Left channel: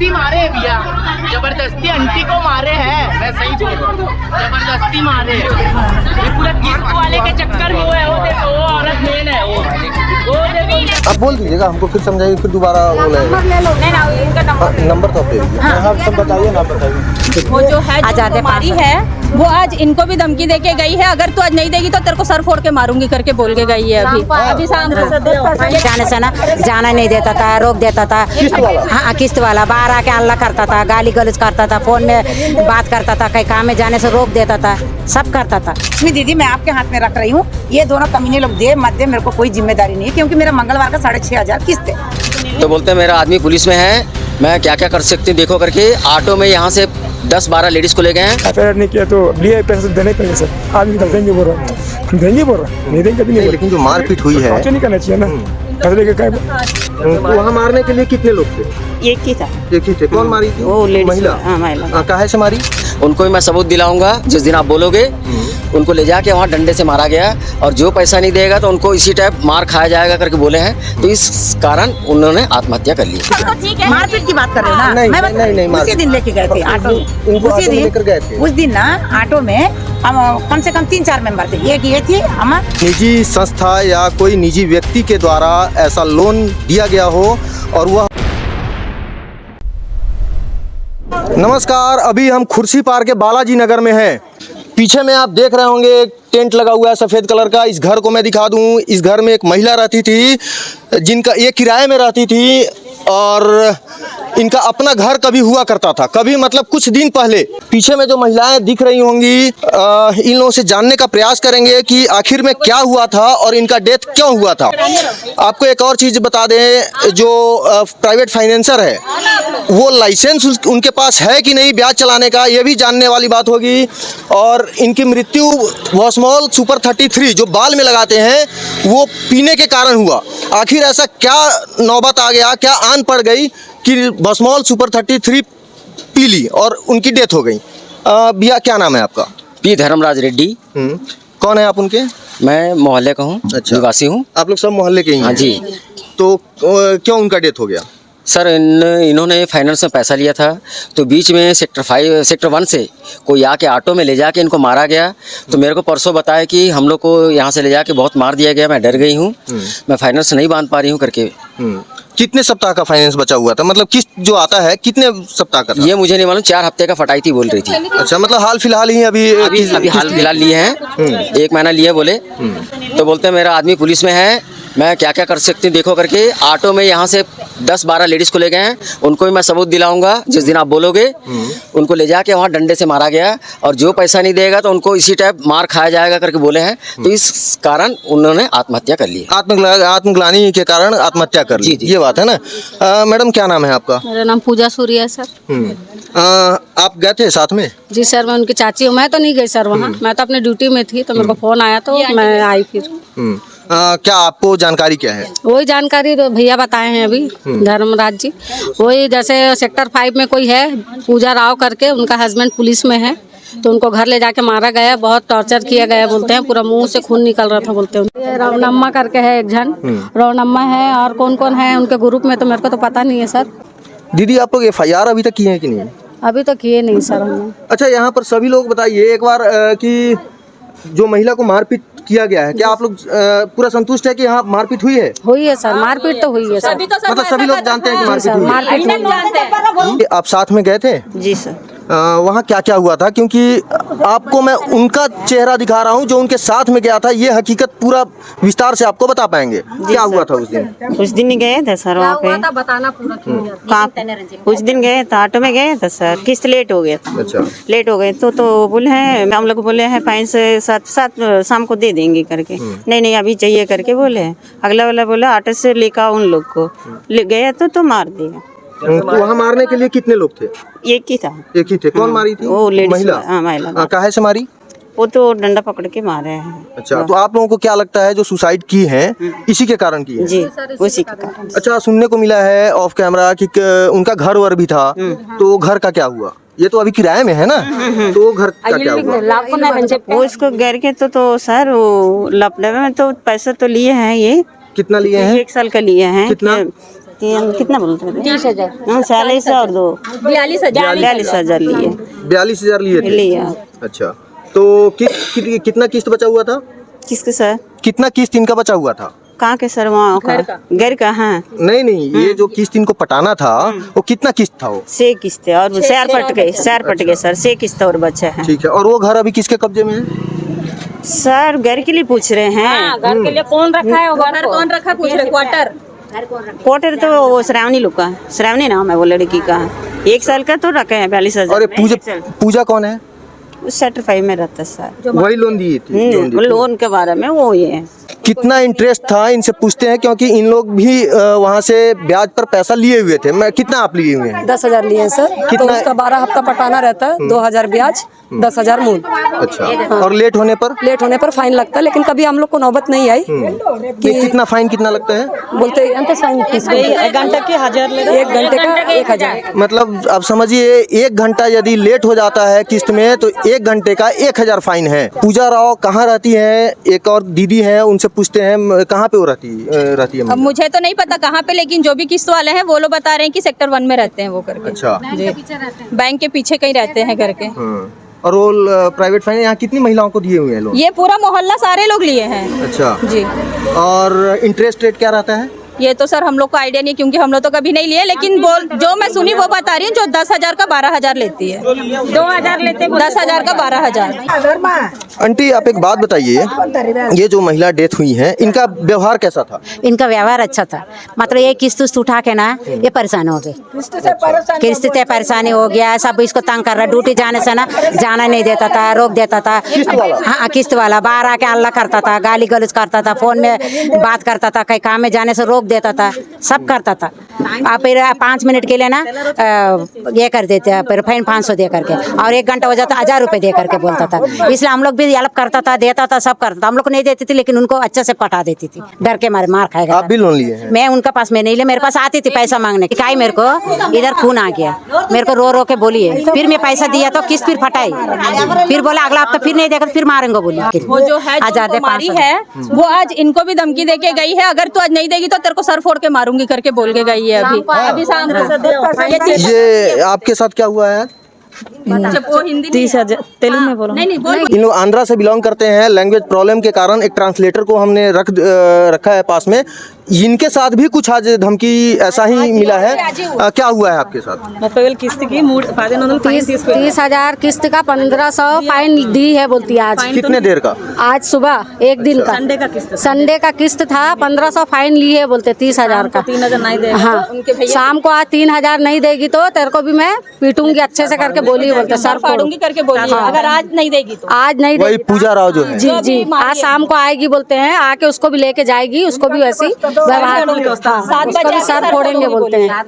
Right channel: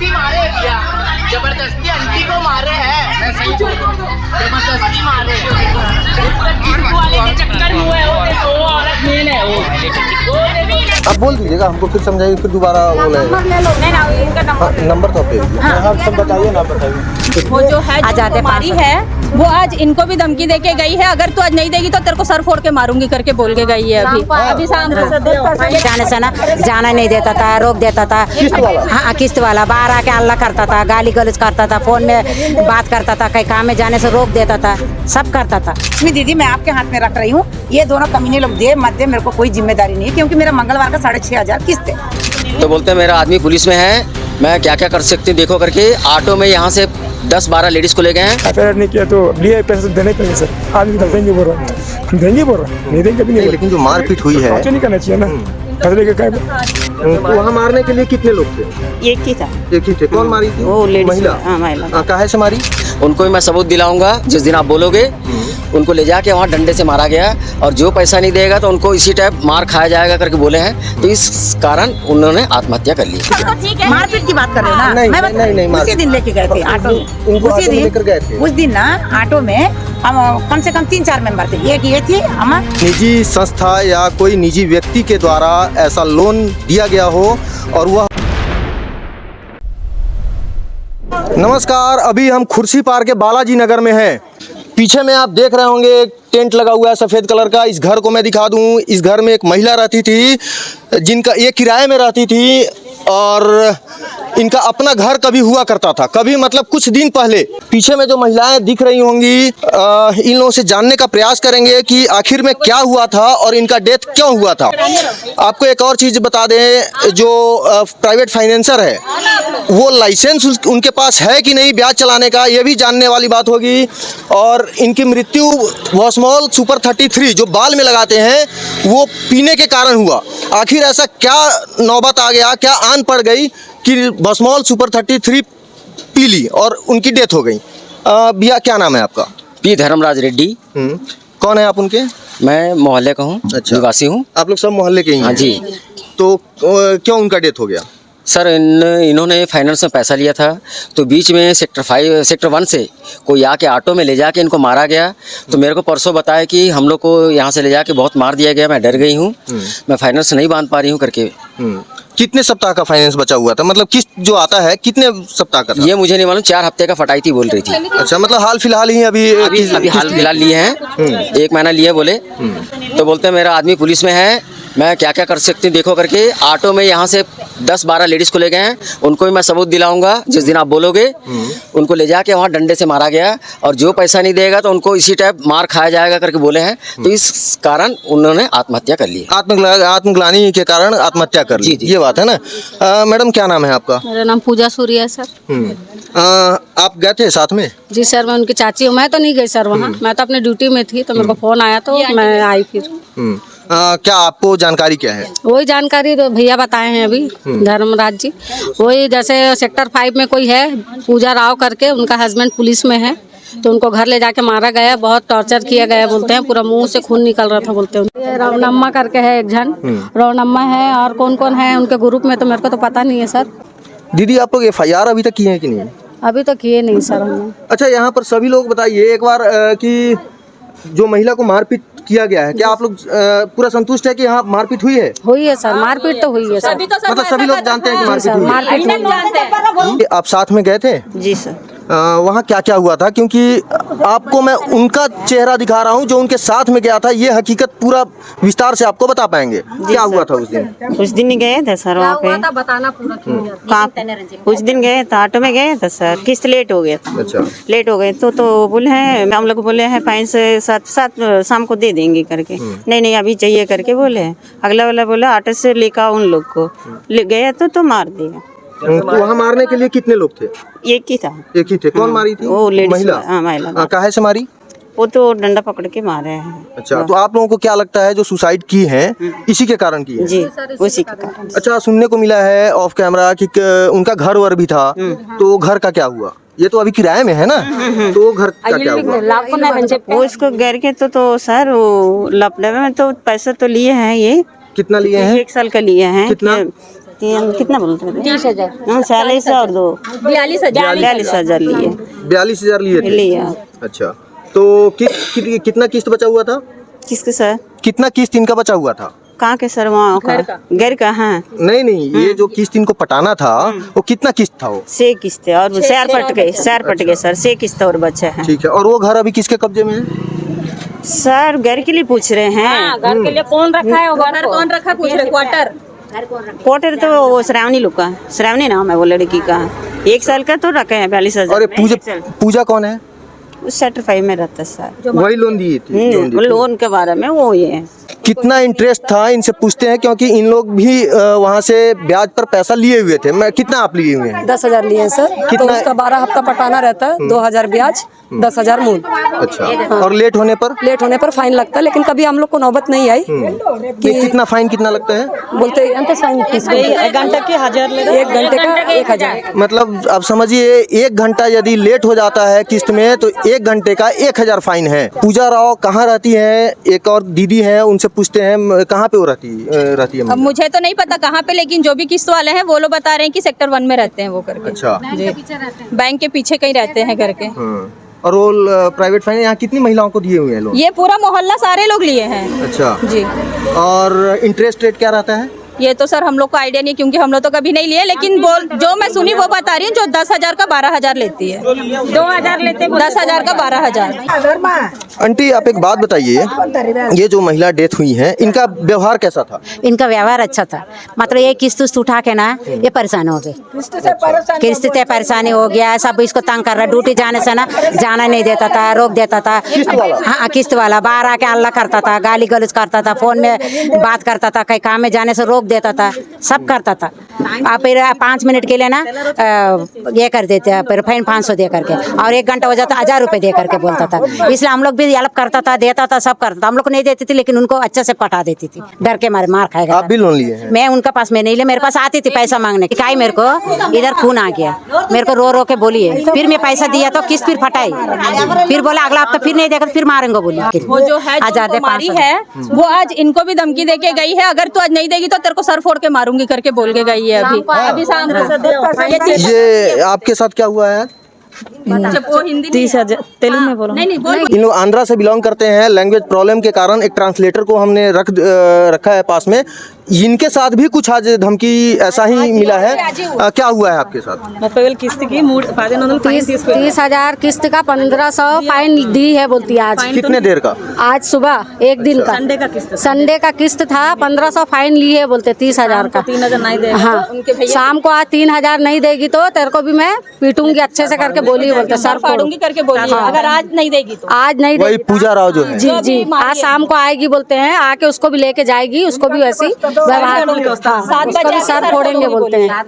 जबरदस्ती मारे भैया, जबरदस्ती आंटी को मारे हैं। मैं सही बोल रहा हूँ, जबरदस्ती मारे हैं। ये पूरा किस्त वाले के चक्कर में हुआ है। वो औरत मेल है वो। आप बोल दीजिएगा, हमको फिर समझाइए, फिर दोबारा वो नंबर ले लो। नहीं ना, इनका नंबर तो आप दे दीजिए। हाँ, सब बताइए ना, बताइए। वो जो है जो हमारी है वो आज इनको भी धमकी दे के गई है, अगर तू आज नहीं देगी तो तेरे को सर फोड़ के मारूंगी करके बोल के गई है। अभी शाम जाने से ना जाना नहीं देता था, रोक देता था। हाँ, किस्त वाला बाहर आके हल्ला करता था, गाली गलौज करता था, फोन में बात करता था, कहीं काम में जाने से रोक देता था, सब करता था। इसमें दीदी मैं आपके हाथ में रख रही हूँ, ये दोनों कमीने लोग दे मत दे, मेरे को कोई जिम्मेदारी नहीं है, क्योंकि मेरा मंगलवार का 6,500 किस्त है। तो बोलते हैं मेरा आदमी पुलिस में है, मैं क्या क्या कर सकती हूँ देखो करके। ऑटो में यहाँ से 10-12 लेडीज को ले गए हैं। एफआईआर नहीं किया तो लिए पैसे तो देने पड़ेंगे सर। आदमी तो देंगे बोल रहा है, हम देंगे बोल रहा है, नहीं देंगे कभी नहीं। लेकिन जो मारपीट हुई है नहीं करना चाहिए ना, फैसले के क्या। तो वहाँ मारने के लिए कितने लोग थे? एक ही था। एक ही थे। कौन मारी थी? वो लेडीज, महिला। हाँ, महिला। काहे से मारी? उनको भी मैं सबूत दिलाऊंगा जिस दिन आप बोलोगे। उनको ले जाके वहाँ डंडे से मारा गया, और जो पैसा नहीं देगा तो उनको इसी टाइप मार खाया जाएगा करके बोले हैं। तो इस कारण उन्होंने आत्महत्या कर ली। मारपीट की बात कर रहे हो ना? नहीं, उसी दिन लेके गए थे ऑटो में। उसी दिन लेकर गए थे। उस दिन ना ऑटो में हम कम से कम 3-4 मेंबर थे। एक ये थी हमार निजी संस्था या कोई निजी व्यक्ति के द्वारा ऐसा लोन दिया गया हो और वह। नमस्कार, अभी हम खुर्सी पार के बालाजी नगर में हैं। पीछे में आप देख रहे होंगे एक टेंट लगा हुआ है सफ़ेद कलर का। इस घर को मैं दिखा दूं। इस घर में एक महिला रहती थी, जिनका ये किराए में रहती थी, और इनका अपना घर कभी हुआ करता था, कभी मतलब कुछ दिन पहले। पीछे में जो महिलाएं दिख रही होंगी, इन लोगों से जानने का प्रयास करेंगे कि आखिर में क्या हुआ था और इनका डेथ क्यों हुआ था। आपको एक और चीज़ बता दें, जो प्राइवेट फाइनेंसर है वो लाइसेंस उनके पास है कि नहीं ब्याज चलाने का, ये भी जानने वाली बात होगी। और इनकी मृत्यु वॉस्मॉल सुपर 33 जो बाल में लगाते हैं वो पीने के कारण हुआ। आखिर ऐसा क्या नौबत आ गया, क्या आन पड़ गई कि वॉस्मॉल सुपर 33 पी ली और उनकी डेथ हो गई। भैया क्या नाम है आपका? पी धर्मराज रेड्डी। कौन है आप उनके? मैं मोहल्ले का हूँ। अच्छा। निवासी हूँ। आप लोग सब मोहल्ले के ही हैं? हाँ जी। तो क्यों उनका डेथ हो गया? सर इन्होंने फाइनेंस में पैसा लिया था, तो बीच में सेक्टर 1 से कोई आके ऑटो में ले जाके इनको मारा गया। तो मेरे को परसों बताया कि हम लोग को यहाँ से ले जाके बहुत मार दिया गया, मैं डर गई हूँ, मैं फाइनेंस नहीं बांध पा रही हूँ करके। कितने सप्ताह का फाइनेंस बचा हुआ था? मतलब किस्त जो आता है कितने सप्ताह का था? ये मुझे नहीं मालूम, 4 हफ्ते का फटाई थी बोल रही थी। अच्छा, मतलब हाल फिलहाल ही अभी हाल फिलहाल लिए हैं, 1 महीना लिए बोले। तो बोलते हैं मेरा आदमी पुलिस में है, मैं क्या क्या कर सकती हूँ देखो करके। ऑटो में यहाँ से 10-12 लेडीज को ले गए हैं। उनको भी मैं सबूत दिलाऊंगा जिस दिन आप बोलोगे। उनको ले जाके वहाँ डंडे से मारा गया, और जो पैसा नहीं देगा तो उनको इसी टाइप मार खाया जाएगा करके बोले हैं। तो इस कारण उन्होंने आत्महत्या कर ली। आत्मग्लानि के कारण आत्महत्या कर ली। ये बात है ना। मैडम क्या नाम है आपका? मेरा नाम पूजा सूर्या है सर। आप गए थे साथ में? जी सर, मैं उनकी चाची हूँ। मैं तो नहीं गई सर, मैं तो अपनी ड्यूटी में थी, तो मेरे को फोन आया तो मैं आई। फिर क्या आपको जानकारी क्या है? वही जानकारी भैया बताए हैं अभी। धर्मराज जी, वही जैसे सेक्टर 5 में कोई है पूजा राव करके, उनका हस्बैंड पुलिस में है, तो उनको घर ले जाके मारा गया, बहुत टॉर्चर किया गया बोलते हैं, पूरा मुंह से खून निकल रहा था बोलते हैं। ये रवनम्मा करके है एक जन, रवनम्मा है, और कौन कौन है उनके ग्रुप में तो मेरे को तो पता नहीं है सर। दीदी आप लोग FIR अभी तक किए हैं कि नहीं? अभी तो किए नहीं सर हमने। अच्छा, यहाँ पर सभी लोग बताइए एक बार कि जो महिला को मारपीट किया गया है, क्या आप लोग पूरा संतुष्ट है कि यहाँ मारपीट हुई है? हुई है सर, मारपीट तो हुई है सर। मतलब सभी लोग जानते हैं कि मारपीट हुई है? मारपीट। आप साथ में गए थे? जी सर। वहाँ क्या क्या हुआ था? क्योंकि आपको मैं उनका चेहरा दिखा रहा हूँ जो उनके साथ में गया था, ये हकीकत पूरा विस्तार से आपको बता पाएंगे। क्या हुआ था उस दिन? उस दिन गए थे सर वहाँ पे, बताना पूरा। उस दिन गए थे, ऑटो में गए थे सर, किस्त लेट हो गया था। अच्छा। लेट हो गए तो बोले हैं, हम लोग बोले हैं 5 से 7 शाम को दे देंगे करके। नहीं अभी चाहिए करके बोले हैं। अगला वाला बोला ऑटो से लेकर उन लोग को ले गए तो मार दिया। तो वहाँ मारने के लिए कितने लोग थे? एक ही था। एक ही थे। कौन मारी थी? वो लेडीज, महिला। हाँ महिला। काहे से मारी? वो तो डंडा पकड़ के मारे हैं। अच्छा, तो आप लोगों को क्या लगता है जो सुसाइड की हैं इसी के कारण की है? जी, उसी के कारण। अच्छा, सुनने को मिला है ऑफ कैमरा कि उनका घर वर भी था, तो घर का क्या हुआ? ये तो अभी किराए में है ना, तो घर का क्या हुआ? वो इसको घर के तो सर वो लपड़ा तो पैसे तो लिए हैं। ये कितना लिए हैं? 1 साल का लिए हैं। कितना बोलते हैं? 30,000। हाँ 40 और 2 42,000 लिए 42,000 लिए थे। लिया। अच्छा, तो कितना किस्त बचा हुआ था? किसके सर? कितना किस्त इनका बचा हुआ था? कहाँ के सर? वहाँ का घर का है। नहीं, ये जो किस्त इनको पटाना था वो कितना किस्त था वो? 6 किस्त है और 4 पट गए सर, 6 किस्त और बचे हैं। ठीक है, और वो घर अभी किसके कब्जे में है? सर घर के लिए पूछ रहे हैं। घर के लिए कौन रखा है? घर कौन रखा पूछ रहे? क्वार्टर तो वो श्रावणी लोग का, श्रावणी नाम है वो लड़की का। 1 साल का तो रखे हैं 42,000। और पूजा कौन है? सेक्टर 5 में रहता है सर। वही लोन दिए थे? लोन के बारे में वो ये है। कितना इंटरेस्ट था इनसे पूछते हैं, क्योंकि इन लोग भी वहाँ से ब्याज पर पैसा लिए हुए थे। मैं कितना आप लिए हुए हैं? 10,000 लिए हैं सर। कितना? तो उसका 12 हफ्ता पटाना रहता है, 2,000 ब्याज, 10,000 मूल। अच्छा, और लेट होने पर? लेट होने पर फाइन लगता है, लेकिन कभी हम लोग को नौबत नहीं आई कि कितना फाइन कितना लगता है? बोलते हैं 1 घंटे के 1,000 ले, 1 घंटे का 1,000। मतलब आप समझिए 1 घंटा यदि लेट हो जाता है किस्त में तो 1 घंटे का 1,000 फाइन है। पूजा राव कहाँ रहती है? एक और दीदी है, उनसे पूछते हैं कहाँ पे वो रहती है? अब मुझे तो नहीं पता कहाँ पे, लेकिन जो भी किस्त वाले हैं वो लोग बता रहे हैं कि सेक्टर 1 में रहते हैं वो करके। अच्छा, बैंक के पीछे कहीं रहते हैं करके। और वो प्राइवेट फाइन यहाँ कितनी महिलाओं को दिए हुए हैं लोग? ये पूरा मोहल्ला सारे लोग लिए हैं। अच्छा जी। और इंटरेस्ट रेट क्या रहता है? ये तो सर हम लोग को आइडिया नहीं, क्योंकि हम लोग तो कभी नहीं लिए, लेकिन जो मैं सुनी वो बता रही है, जो 10,000 का 12,000 लेती है। 2,000 लेते हैं, 10,000 का 12,000। आंटी आप एक बात बताइए, ये जो महिला डेथ हुई है इनका व्यवहार कैसा था? इनका व्यवहार अच्छा था, मतलब ये किस्त उठा के ना ये परेशान हो गए, किस्त से परेशानी हो गया, सब इसको तंग कर रहा है। ड्यूटी जाने से ना जाना नहीं देता था, रोक देता था। हाँ किस्त वाला बाहर आके हल्ला करता था, गाली गलौज करता था, फोन में बात करता था, कहीं काम में जाने से रोक देता था, सब करता था। आप फिर 5 मिनट के लिए ना ये कर देते हैं, फिर फाइन 500 दे करके, और 1 घंटा हो जाता 1,000 रुपए दे करके बोलता था। इसलिए हम लोग भी हेल्प करता था, देता था, सब करता था। हम लोग को नहीं देती थी, लेकिन उनको अच्छे से पटा देती थी, डर के मारे मार खाएगा। आप भी लोन लिए हैं? मैं उनका पास में नहीं लिया, मेरे पास आती थी पैसा मांगने की। काई मेरे को इधर खून आ गया, मेरे को रो रो के बोली है। फिर मैं पैसा दिया तो किस्त फिर फटाई, फिर बोला अगला हफ्ता फिर नहीं देगा तो फिर मारेंगे बोली। वो जो है जो है वो आज इनको भी धमकी दे के गई है, अगर तू आज नहीं देगी तो तेरे को सर फोड़ के मारूंगी करके बोल के गई है। अभी शाम ये आपके साथ क्या हुआ है? वो हिंदी 30,000 तेलुगु में बोलो। नहीं बोल। इन लोग आंध्रा से बिलोंग करते हैं। लैंग्वेज प्रॉब्लम के कारण एक ट्रांसलेटर को हमने रखा है पास में। इनके साथ भी कुछ आज धमकी ऐसा ही मिला है। क्या हुआ है आपके साथ? 30,000 किस्त का 1,500 फाइन दी है बोलती है। आज कितने देर का? आज सुबह 1 दिन का संडे का किस्त था, 1,500 फाइन ली है बोलते 30,000 का। 3,000 नहीं देगा। हाँ, शाम को आज 3,000 नहीं देगी तो तेरे को भी मैं पीटूंगी अच्छे से करके बोली, बोलते सर फाड़ूंगी करके बोली, अगर आज नहीं देगी तो। आज नहीं वही देगी। पूजा राव जो है। जी जी, आज शाम को आएगी बोलते हैं, आके उसको भी लेके जाएगी, उसको भी वैसी व्यवहार उसको भी सर फोड़ेंगे बोलते हैं।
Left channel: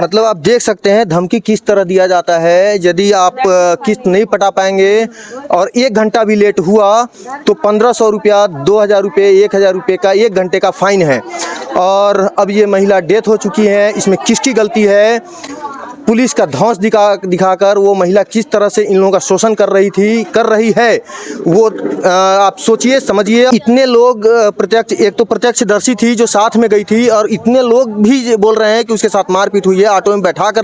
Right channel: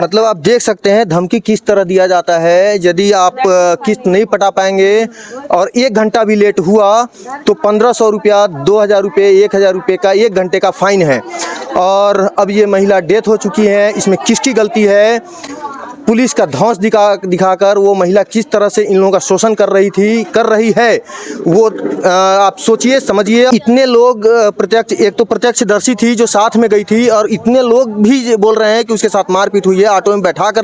मतलब आप देख सकते हैं धमकी किस तरह दिया जाता है। यदि आप किस्त नहीं पटा पाएंगे और 1 घंटा भी लेट हुआ तो 1,500 रुपया, 2,000 रुपये, 1,000 रुपये का 1 घंटे का फाइन है। और अब ये महिला डेथ हो चुकी है। इसमें किसकी गलती है? पुलिस का धौंस दिखाकर वो महिला किस तरह से इन लोगों का शोषण कर रही है वो आप सोचिए, समझिए। इतने लोग एक तो प्रत्यक्षदर्शी थी जो साथ में गई थी, और इतने लोग भी बोल रहे हैं कि उसके साथ मारपीट हुई है। ऑटो में बैठा कर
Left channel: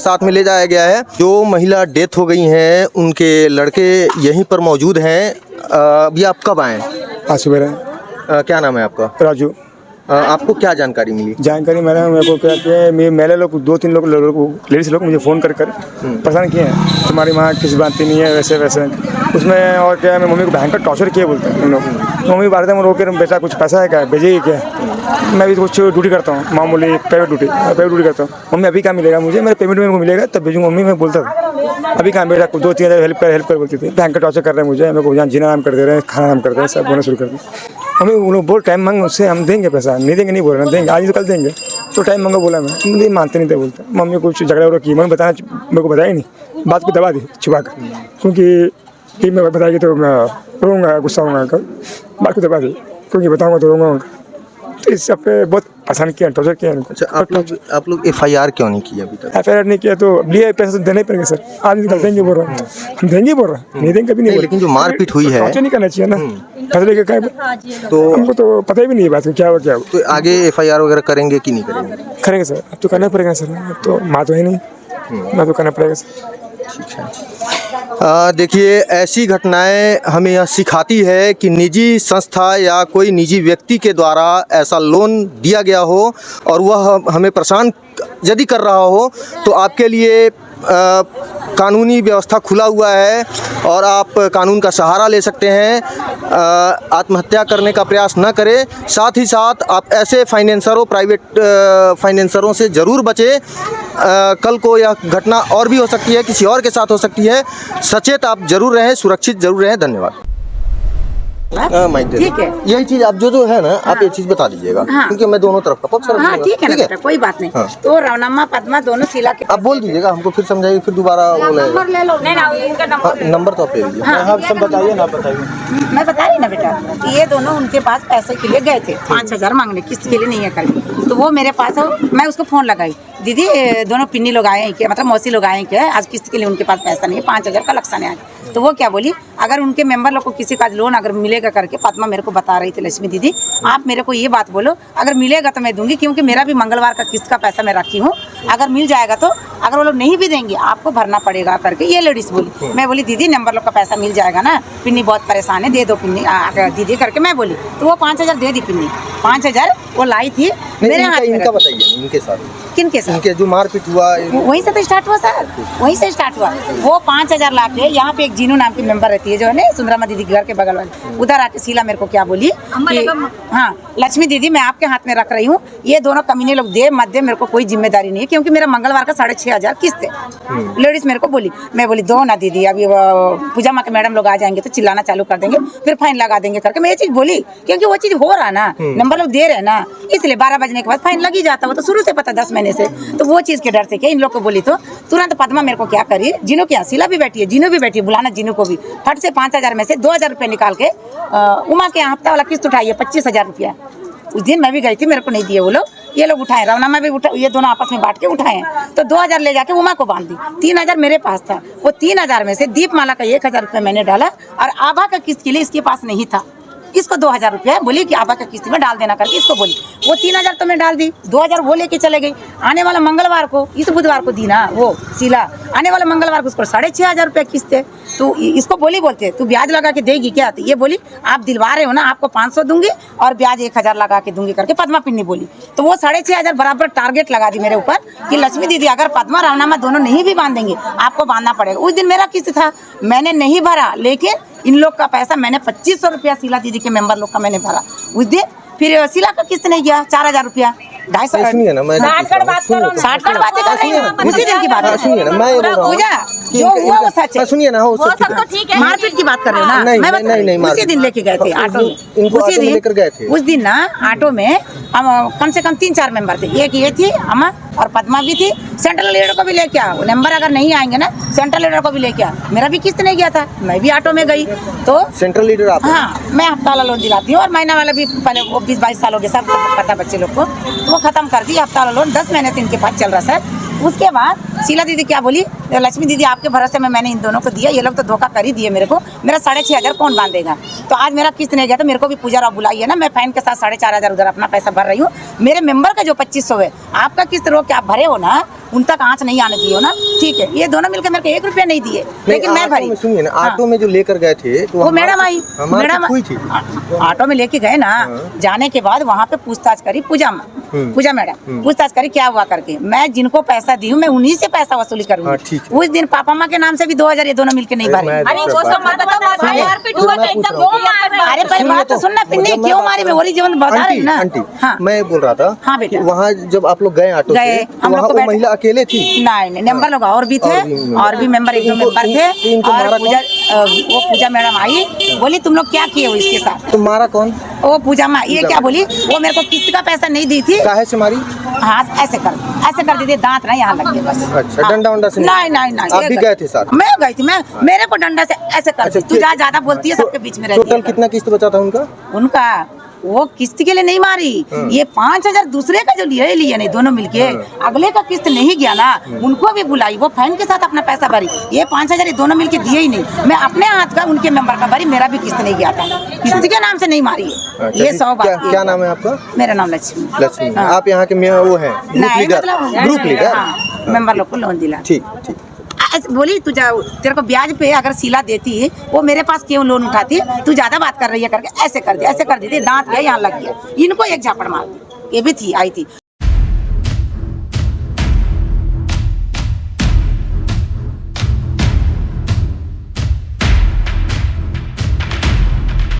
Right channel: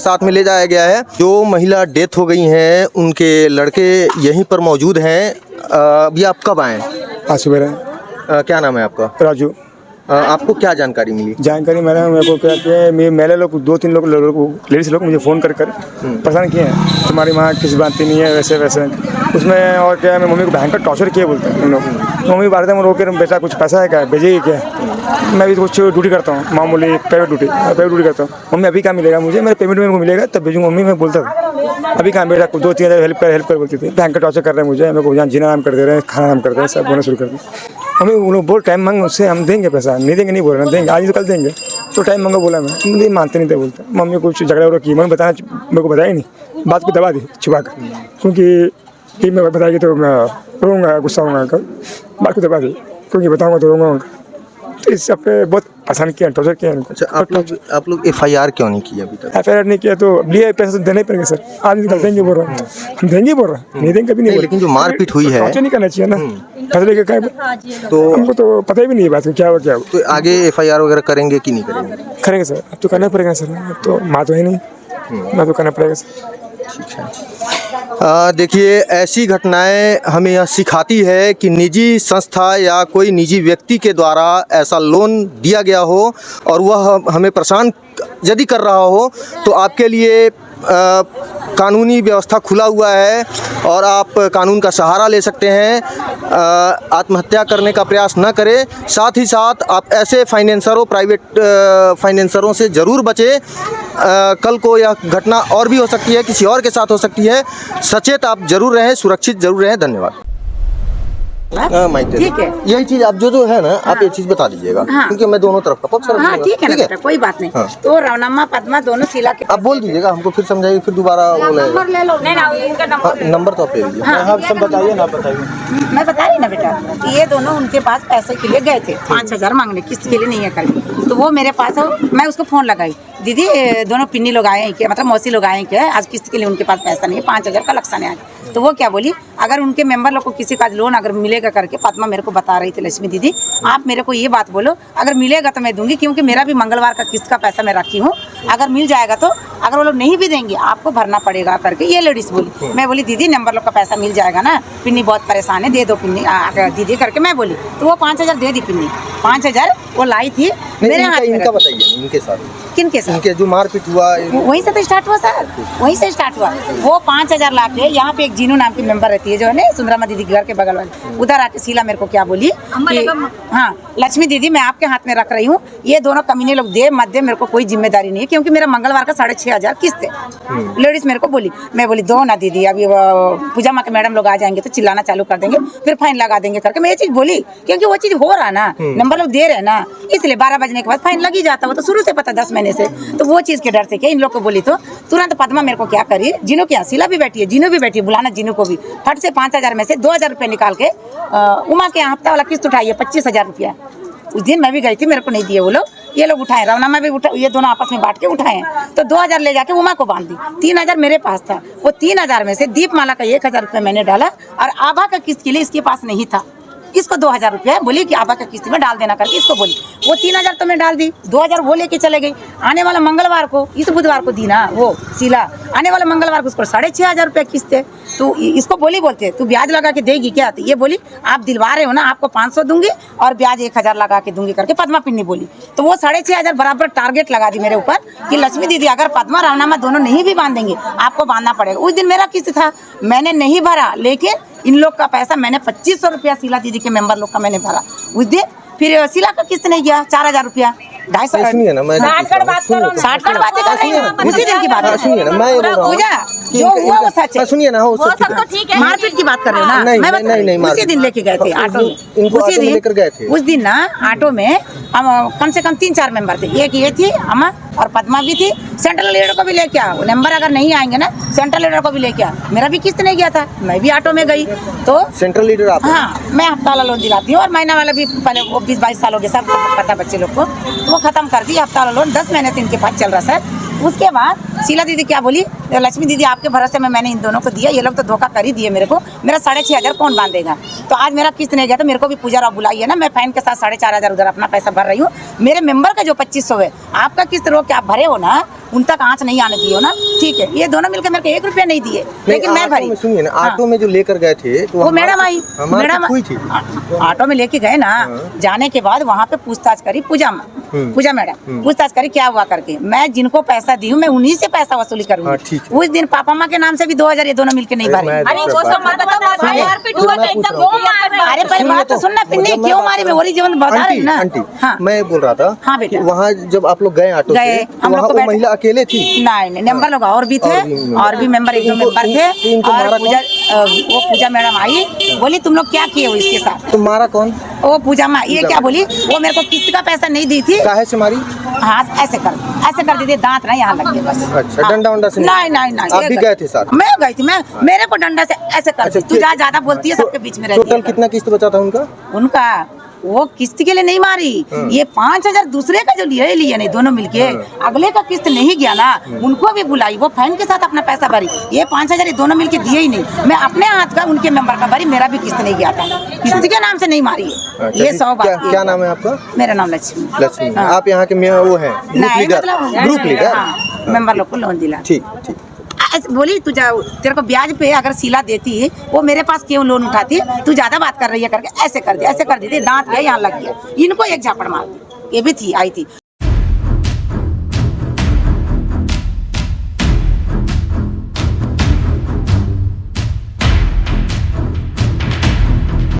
साथ में ले जाया गया है। जो महिला डेथ हो गई हैं उनके लड़के यहीं पर मौजूद हैं। अभी आप कब आए? आज सुबह। क्या नाम है आपका? राजू। आपको क्या जानकारी मिली? जानकारी मेरे को क्या कि मेरे लोग 2-3 लोग लेडीज लोग मुझे फ़ोन कर परेशान किए हैं, तुम्हारी माँ किसी बात की नहीं है, वैसे वैसे उसमें। और क्या है, मम्मी को भयंकर टॉर्चर किए बोलते हैं उन लोग। मम्मी बात में रोक के, बेटा कुछ पैसा है क्या, भेजिए क्या? मैं भी कुछ ड्यूटी करता हूँ, मामूली प्राइवेट ड्यूटी करता हूँ। मम्मी अभी क्या मिलेगा मुझे, मेरे पेमेंट मेरे को मिलेगा तब भेजूँगा। मम्मी मैं बोलता था अभी कहाँ, बेटा 2-3 हज़ार हेल्प कर बोलती थी। भयंकर टॉर्चर कर रहे हैं मुझे, मेरे को यहाँ जीना नाम कर दे रहे हैं, खाना नाम कर दे रहे हैं, सब बोलना शुरू कर दिया। हमें उन लोग बोल टाइम मांग, उससे हम देंगे पैसा, नहीं देंगे नहीं बोल रहे, देंगे आज तो कल देंगे। तो टाइम मांगो बोला, मैं नहीं मानते नहीं थे बोलते। मम्मी कुछ झगड़ा वगड़ा की, मैंने बताया, मेरे को बताया नहीं, बात को दबा दी छुपा कर, क्योंकि मैं बताएगी तो मैं रोऊंगा, गुस्सा होऊंगा, बात को दबा दी, क्योंकि बताऊँगा तो रोऊंगा। तो इस सब पे बहुत परेशान किया, टॉर्चर किया इनको। अच्छा, आप लोग FIR क्यों नहीं किया अभी तक? FIR नहीं किया तो लिए पैसे तो देने पड़ेंगे सर। आज निकल देंगे बोल रहा है, हम देंगे बोल रहा है, नहीं देंगे कभी नहीं। लेकिन जो मारपीट हुई है, टॉर्चर नहीं करना चाहिए ना, पैसे लेके कहीं तो हमको तो पता भी नहीं है बात क्या हुआ क्या हुआ। तो आगे FIR वगैरह करेंगे कि नहीं करेंगे? करेंगे सर, अब तो करना पड़ेगा सर, अब तो माँ तो है नहीं, ना तो करना पड़ेगा सर। देखिए, ऐसी घटनाएं हमें यह सिखाती है कि निजी संस्था या कोई निजी व्यक्ति के द्वारा ऐसा लोन दिया गया हो और वह हमें परेशान यदि कर रहा हो तो आपके लिए कानूनी व्यवस्था खुला हुआ है और आप कानून का सहारा ले सकते हैं। आत्महत्या करने का प्रयास न करें। साथ ही साथ आप ऐसे फाइनेंसरों, प्राइवेट फाइनेंसरों से ज़रूर बचें। कल को यह घटना और भी हो सकती है, किसी और के साथ हो सकती है। सचेत आप जरूर रहें, सुरक्षित जरूर रहें। धन्यवाद। ठीक है, यही चीज आप जो है ना, आप ये चीज बता दीजिएगा, क्योंकि मैं दोनों तरफ का पक्ष रखूंगा। हाँ ठीक है ना बेटा, कोई बात नहीं। तो रवनम्मा पद्मा दोनों शीला के आप बोल दीजिएगा, हमको फिर समझाइए, फिर दोबारा नंबर तो आप ले लीजिए। सब बताइए ना, बताइए। मैं बता रही ना बेटा कि ये दोनों उनके पास पैसे के लिए गए थे, 5,000 मांगने, किस्त के लिए नहीं है कल। तो वो मेरे पास मैं उसको फोन लगाई, दीदी दोनों पिन्नी लोग आए हैं क्या, मतलब मौसी लोग आए हैं क्या, आज किस्त के लिए उनके पास पैसा नहीं है, 5,000 का लक्षण है। तो वो क्या बोली, अगर उनके मेंबर लोग को किसी का लोन अगर मिलेगा करके, पद्मा मेरे को बता रही थी, लक्ष्मी दीदी आप मेरे को ये बात बोलो, अगर मिलेगा तो मैं दूंगी, क्योंकि मेरा भी मंगलवार का किस्त का पैसा मैं रखी हूँ, अगर मिल जाएगा तो, अगर वो लोग नहीं भी देंगे आपको भरना पड़ेगा करके ये लेडीज बोली। मैं बोली दीदी नंबर लोग का पैसा मिल जाएगा ना, पिन्नी बहुत परेशान है, दे दो पिन्नी दीदी करके मैं बोली। तो वो 5,000 दे दी पिन्नी, 5,000 वो लाई थी मेरे हाथ में। इनका बताइए, इनके साथ किनके साथ? इनके जो मारपीट हुआ वहीं से तो स्टार्ट हुआ सर, वहीं से स्टार्ट हुआ। वो 5,000 ला के यहाँ पे एक जीनू नाम की मेंबर रहती है जो है ना, सुंदरमा दीदी के घर के बगल वाले, उधर आके शीला मेरे को क्या बोली कि हाँ लक्ष्मी दीदी मैं आपके हाथ में रख रही हूँ, ये दोनों कमीने लोग दे मत दे, मेरे को कोई जिम्मेदारी नहीं है, क्योंकि मेरा मंगलवार का 6,500 किस्त है। लेडीज मेरे को बोली, मैं बोली दो ना दीदी, अभी पूजा माँ के मैडम लोग आ जाएंगे तो चिल्लाना चालू कर देंगे, फिर फाइन लगा देंगे करके मैं ये चीज बोली, क्योंकि वो चीज हो रहा ना, नंबर लोग दे रहे ना, इसलिए 12 बजने के बाद फाइन लगी जाता। वो तो शुरू से पता 10 महीने से, तो वो चीज के डर से क्या इन लोग को बोली, तो तुरंत पद्मा मेरे को क्या करी, जिनो क्या शीला भी बैठी है, जिनो भी बैठी है, बुलाना जिनो को भी, फट से 5,000 में से 2,000 रुपये निकाल के उमा के हफ्ता वाला किस्त उठाई है 25,000 रुपया। उस दिन मैं भी गई थी, मेरे को नहीं दिए वो लोग, ये लोग उठाए, रवना में भी उठा, ये दोनों आपस में बांट के उठाए हैं। तो 2,000 ले जाके उमा को बांध दी, 3,000 मेरे पास था। वो 3,000 में से दीपमाला का 1,000 रुपये मैंने डाला, और आभा का किस्त के लिए इसके पास नहीं था, इसको 2,000 रुपया बोली कि आभा का किस्त में डाल देना करके इसको बोली। वो 3,000 तो मैं डाल दी, 2,000 वो लेके चले गई। आने वाला मंगलवार को, इस बुधवार को दी ना वो शीला, आने वाला मंगलवार को उसको 6,500 रुपया किस्त है। तो इसको बोलते तू ब्याज लगा के देगी क्या, तो ये बोली आप दिलवा रहे हो ना, आपको 500 दूंगी और ब्याज 1,000 लगा के दूंगी करके पद्मा पिन्नी बोली। तो वो 6,500 बराबर टारगेट लगा दी मेरे ऊपर कि लक्ष्मी दीदी अगर पद्मा रावनामा दोनों नहीं भी बांधेंगे आपको बांधना पड़ेगा। उस दिन मेरा किस्त था, मैंने नहीं भरा, लेकिन इन लोग का पैसा मैंने 2,500 रुपया शीला दीदी के मेंबर लोग का मैंने भरा उस दिन। फिर शीला का किस्त नहीं गया 4,000 रुपया, 250 सुनिए ना, मैं 60 बातें कर रही हूँ, उसी दिन की बात है। सुनिए ना, मैं ये बोल रहा हूँ, पूजा जो हुआ वो सच है। सुनिए ना, वो सब तो ठीक है, मारपीट की बात कर रहे हो ना, नहीं, मैं बता नहीं, रही हूँ, उसी दिन लेके गए थे ऑटो में, इनको उसी ऑटो में दिन लेकर गए थे। उस दिन ना ऑटो में हम कम से कम 3-4 मेंबर थे, एक ये थी अमा और पद्मा भी थी, सेंट्रल लीडर को भी लेके आ, नंबर अगर नहीं आएंगे ना सेंट्रल लीडर को भी लेके आ। मेरा भी किस्त नहीं गया था, मैं भी ऑटो में गई। तो सेंट्रल लीडर आप? हाँ, मैं हफ्ता वाला लोन दिलाती हूँ और महीना वाला भी, पहले वो 20-22 साल हो गए सब पता बच्चे लोग को, तो वो खत्म कर दी हफ्ता वाला लोन, 10 महीने से इनके पास चल रहा सर। उसके बाद शीला दीदी क्या बोली, लक्ष्मी दीदी आपके भरोसे में मैंने इन दोनों को दिया, ये लोग तो धोखा कर ही दिए मेरे को, मेरा 6,500 कौन बांधेगा। तो आज मेरा किस्त नहीं गया तो मेरे को भी पूजा राव बुलाई है ना, मैं फाइन के साथ 4,500 उधर अपना पैसा भर रही हूँ। मेरे मेंबर का जो 2,500 है, आपका किस्त रोक के आप भरे हो ना, उन तक आँच नहीं आने दिए हो ना, ठीक है। ये दोनों मिलकर मेरे को 1 रुपया नहीं दिए, लेकिन मैं भरी। सुनिए ना, ऑटो में जो लेकर गए थे तो वो मैडम आई, ऑटो में लेके गए ना, जाने के बाद वहाँ पे पूछताछ करी पूजा मैडम पूछताछ करी क्या हुआ करके, मैं जिनको पैसा दी हूँ मैं उन्हीं से पैसा वसूली करूँगी। उस दिन पापा माँ के नाम से भी 2,000 ये दोनों मिलके नहीं भरे। अरे पर बात तो सुनना पिन्नी, क्यों मारी, मैं वही जीवन बता रही ना। हाँ मैं बोल रहा था, हाँ बेटा, वहाँ जब आप लोग गए ऑटो गए, से, हम वहाँ लोग वो महिला अकेले थी? नहीं, मेंबर लोग और भी थे, और भी मेंबर 1-2 मेंबर थे, और वो पूजा मैडम आई, बोली तुम लोग क्या किए हो इसके साथ। तो मारा कौन? वो पूजा माँ, ये क्या बोली, वो मेरे को किस्त का पैसा नहीं दी थी। काहे से मारी? हाँ ऐसे कर दी थी, दांत ना यहाँ लग गए बस। अच्छा, डंडा उंडा से? नहीं, आप भी गए थे साथ? मैं गई थी, मेरे को डंडा से ऐसे कर दी। तू ज्यादा बोलती है सबके बीच में रहती है। टोटल कितना किस्त बचा था उनका? वो किस्त के लिए नहीं मारी, ये 5,000 दूसरे का जो लिए नहीं दोनों मिलके, अगले का किस्त नहीं गया ना, उनको भी बुलाई, वो फैन के साथ अपना पैसा भरी, ये 5,000 ये दोनों मिलके दिए ही नहीं। मैं अपने हाथ का उनके मेंबर का भरी, मेरा भी किस्त नहीं गया था, किस्त के नाम से नहीं मारी है। ये 100 बात। क्या नाम है आपका? मेरा नाम लक्ष्मी। लक्ष्मी। आप यहाँ के वो हैं ग्रुप लीडर, मेंबर लोग को लोन दिला। ठीक ठीक। बोली तू तेरे को ब्याज पे अगर सिला देती, वो मेरे पास क्यों लोन उठाती, तू ज्यादा बात कर रही है करके ऐसे कर दी, दांत गए यहाँ लग गया, इनको एक झापड़ मार दी, ये भी थी आई थी।